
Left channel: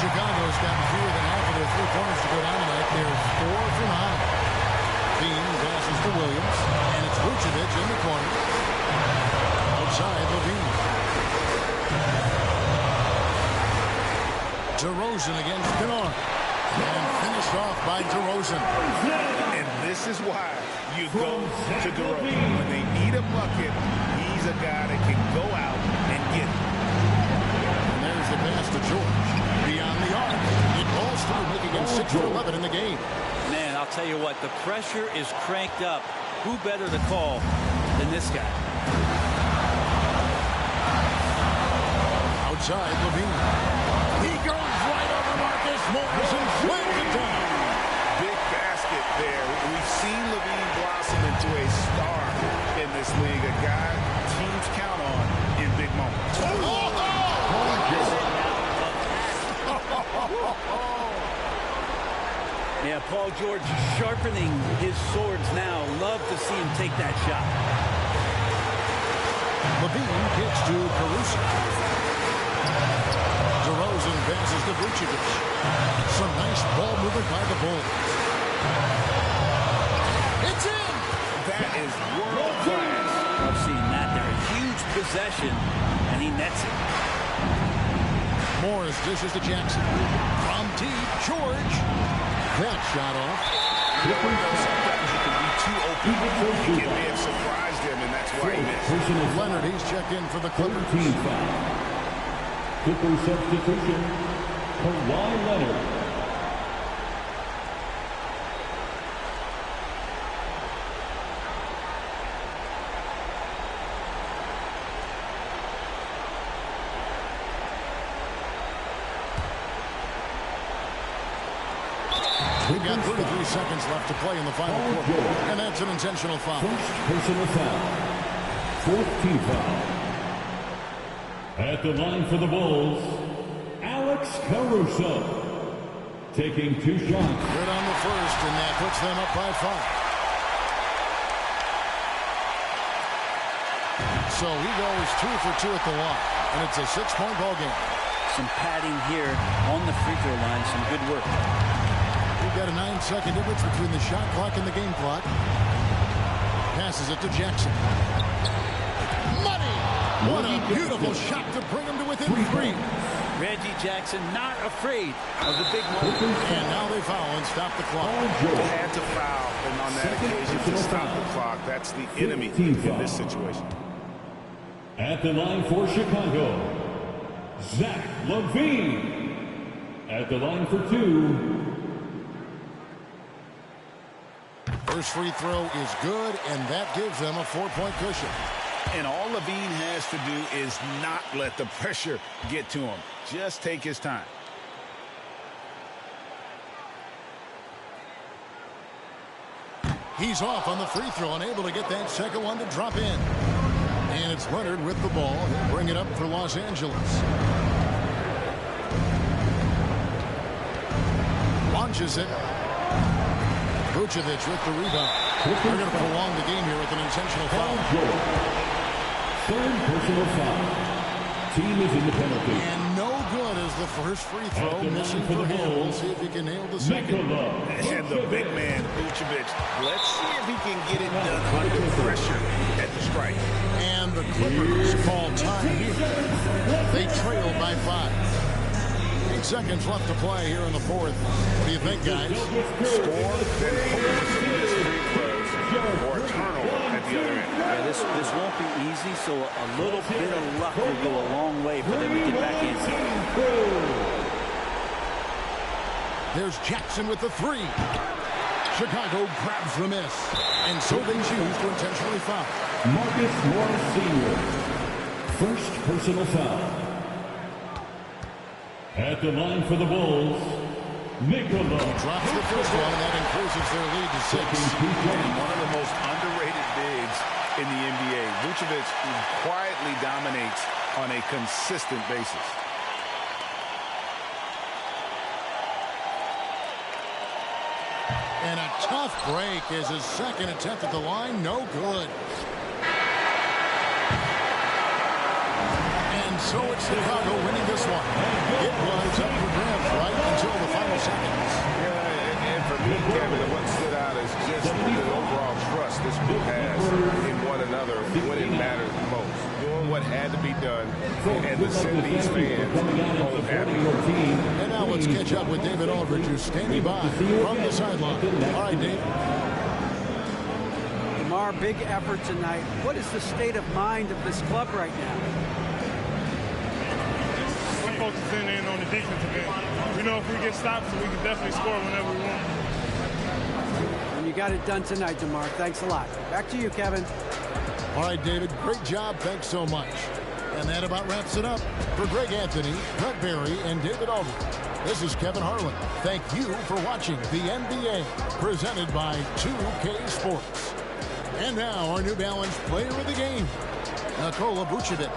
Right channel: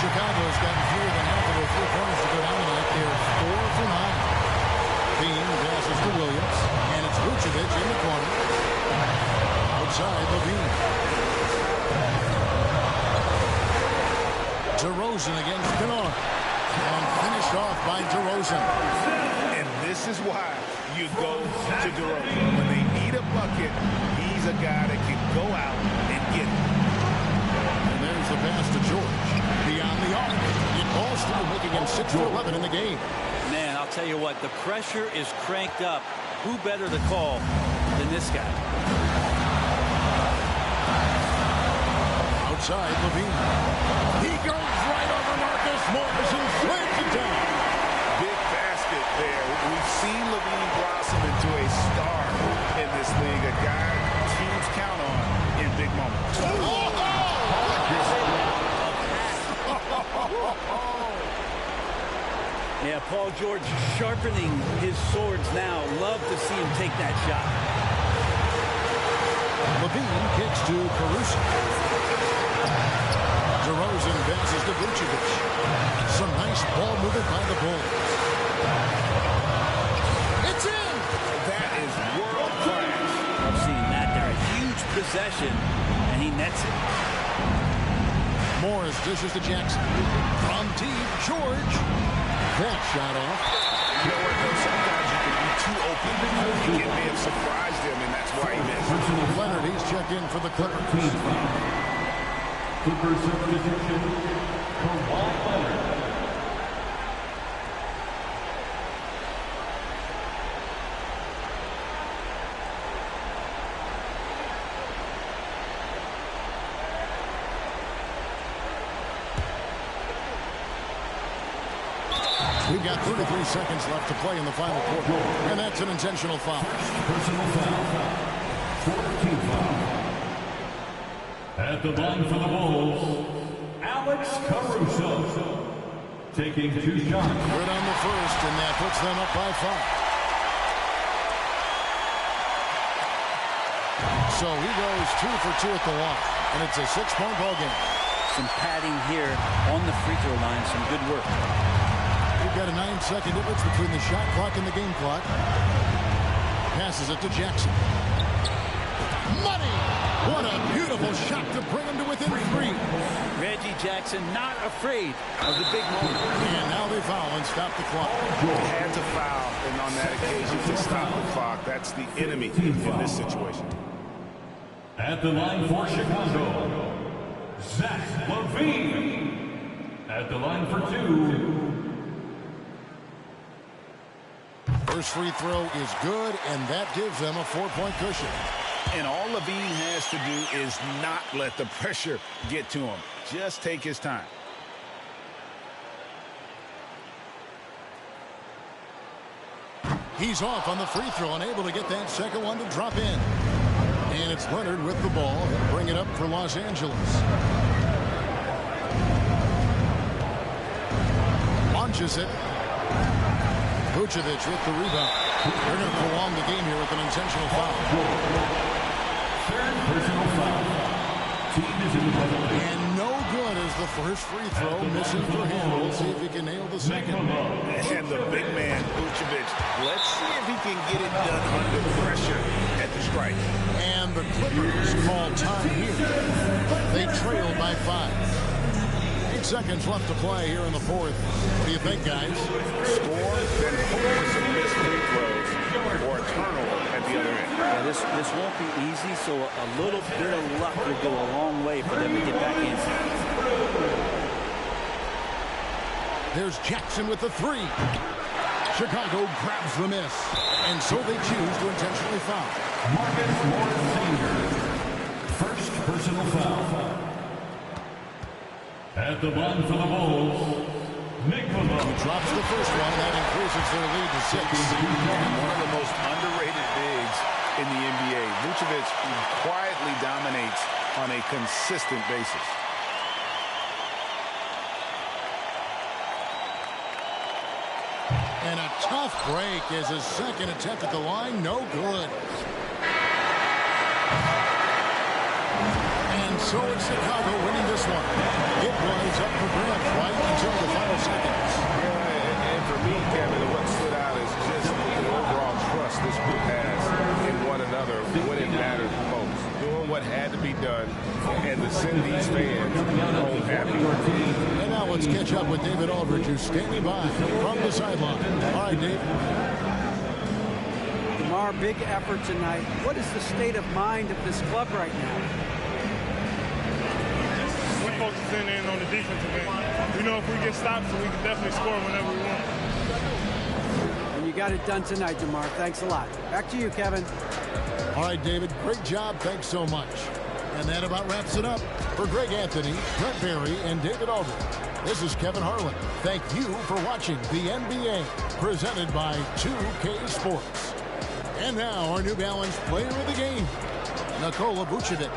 Chicago's gotten fewer than half of their 3-pointers to go down tonight. They're 4 for 9. Bean passes to Williams, and it's Vucevic in the corner. Outside, Levine. DeRozan against Kennard. And finished off by DeRozan. And this is why you go to DeRozan. When they need a bucket, he's a guy that can go out and get it. And there's the pass to George. Beyond the arc. It falls through, making him 6 for 11 in the game. Man, I'll tell you what, the pressure is cranked up. Who better to call than this guy? Outside, Levine. He goes right over Marcus Morris and slams it down. Big basket there. We've seen Levine blossom into a star in this league, a guy teams count on in big moments. Yeah, Paul George sharpening his swords now. Love to see him take that shot. Levine kicks to Caruso. DeRozan passes to Vucevic. Some nice ball movement by the Bulls. It's in! That is world class. I've seen that there. A huge possession, and he nets it. Morris dishes to Jackson. From deep, George. That shot off. You know what, though? Sometimes you can be too open. It may have surprised him, and that's why he missed. Leonard, he's checked in for the Clippers. Team foul. Clippers substitution, Kawhi Leonard. We've got 33 seconds left to play in the final quarter. And that's an intentional foul. First personal foul. Fourth team foul. At the line for the Bulls, Alex Caruso. Taking 2 shots. Good on the first, and that puts them up by 5. So he goes 2 for 2 at the line, and it's a 6-point ball game. Some padding here on the free throw line. Some good work. We've got a 9-second difference between the shot clock and the game clock. Passes it to Jackson. Money! What a beautiful shot to bring him to within 3. Reggie Jackson not afraid of the big moment. And now they foul and stop the clock. They had to foul, and on that occasion to stop the clock. That's the enemy in this situation. At the line for Chicago, Zach LaVine. At the line for 2. First free throw is good, and that gives them a 4-point cushion. And all Levine has to do is not let the pressure get to him. Just take his time. He's off on the free throw, unable to get that second one to drop in. And it's Leonard with the ball. He'll bring it up for Los Angeles. Launches it. Vucevic with the rebound. They're going to prolong the game here with an intentional foul. Third personal foul. Team is in the penalty. And no good as the first free throw, missing for him. We'll see if he can nail the second. And the big man, Vucevic. Let's see if he can get it done under pressure at the strike. And the Clippers call time here. They trail by 5. 8 seconds left to play here in the fourth. What do you think, guys? Score, then hope for some missed free throws or a turnover at the other end. Yeah, this won't be easy, so a little bit of luck will go a long way for them to get back in. There's Jackson with the 3. Chicago grabs the miss. And so they choose to intentionally foul. Marcus Morris Sr. First personal foul. At the line for the Bulls, Nicola. He drops the first one, and that increases their lead to 6. And one of the most underrated bigs in the NBA. Vucevic quietly dominates on a consistent basis. And a tough break as his second attempt at the line, no good. And so it's Chicago winning this one. It was up for grabs right until the final seconds. Yeah, and for me, Kevin, what stood out is just the overall trust this group has in one another when it matters most. Doing what had to be done and to send these fans home happy. And now let's catch up with David Aldridge, who's standing by from the sideline. All right, Dave. DeMar, big effort tonight. What is the state of mind of this club right now? We're focusing in on the defensive end. We know if we get stops, we can definitely score whenever we want. And you got it done tonight, DeMar. Thanks a lot. Back to you, Kevin. All right, David, great job. Thanks so much. And that about wraps it up. For Greg Anthony, Brett Barry, and David Aldridge, this is Kevin Harlan. Thank you for watching the NBA, presented by 2K Sports. And now, our New Balance player of the game, Nikola Vucevic.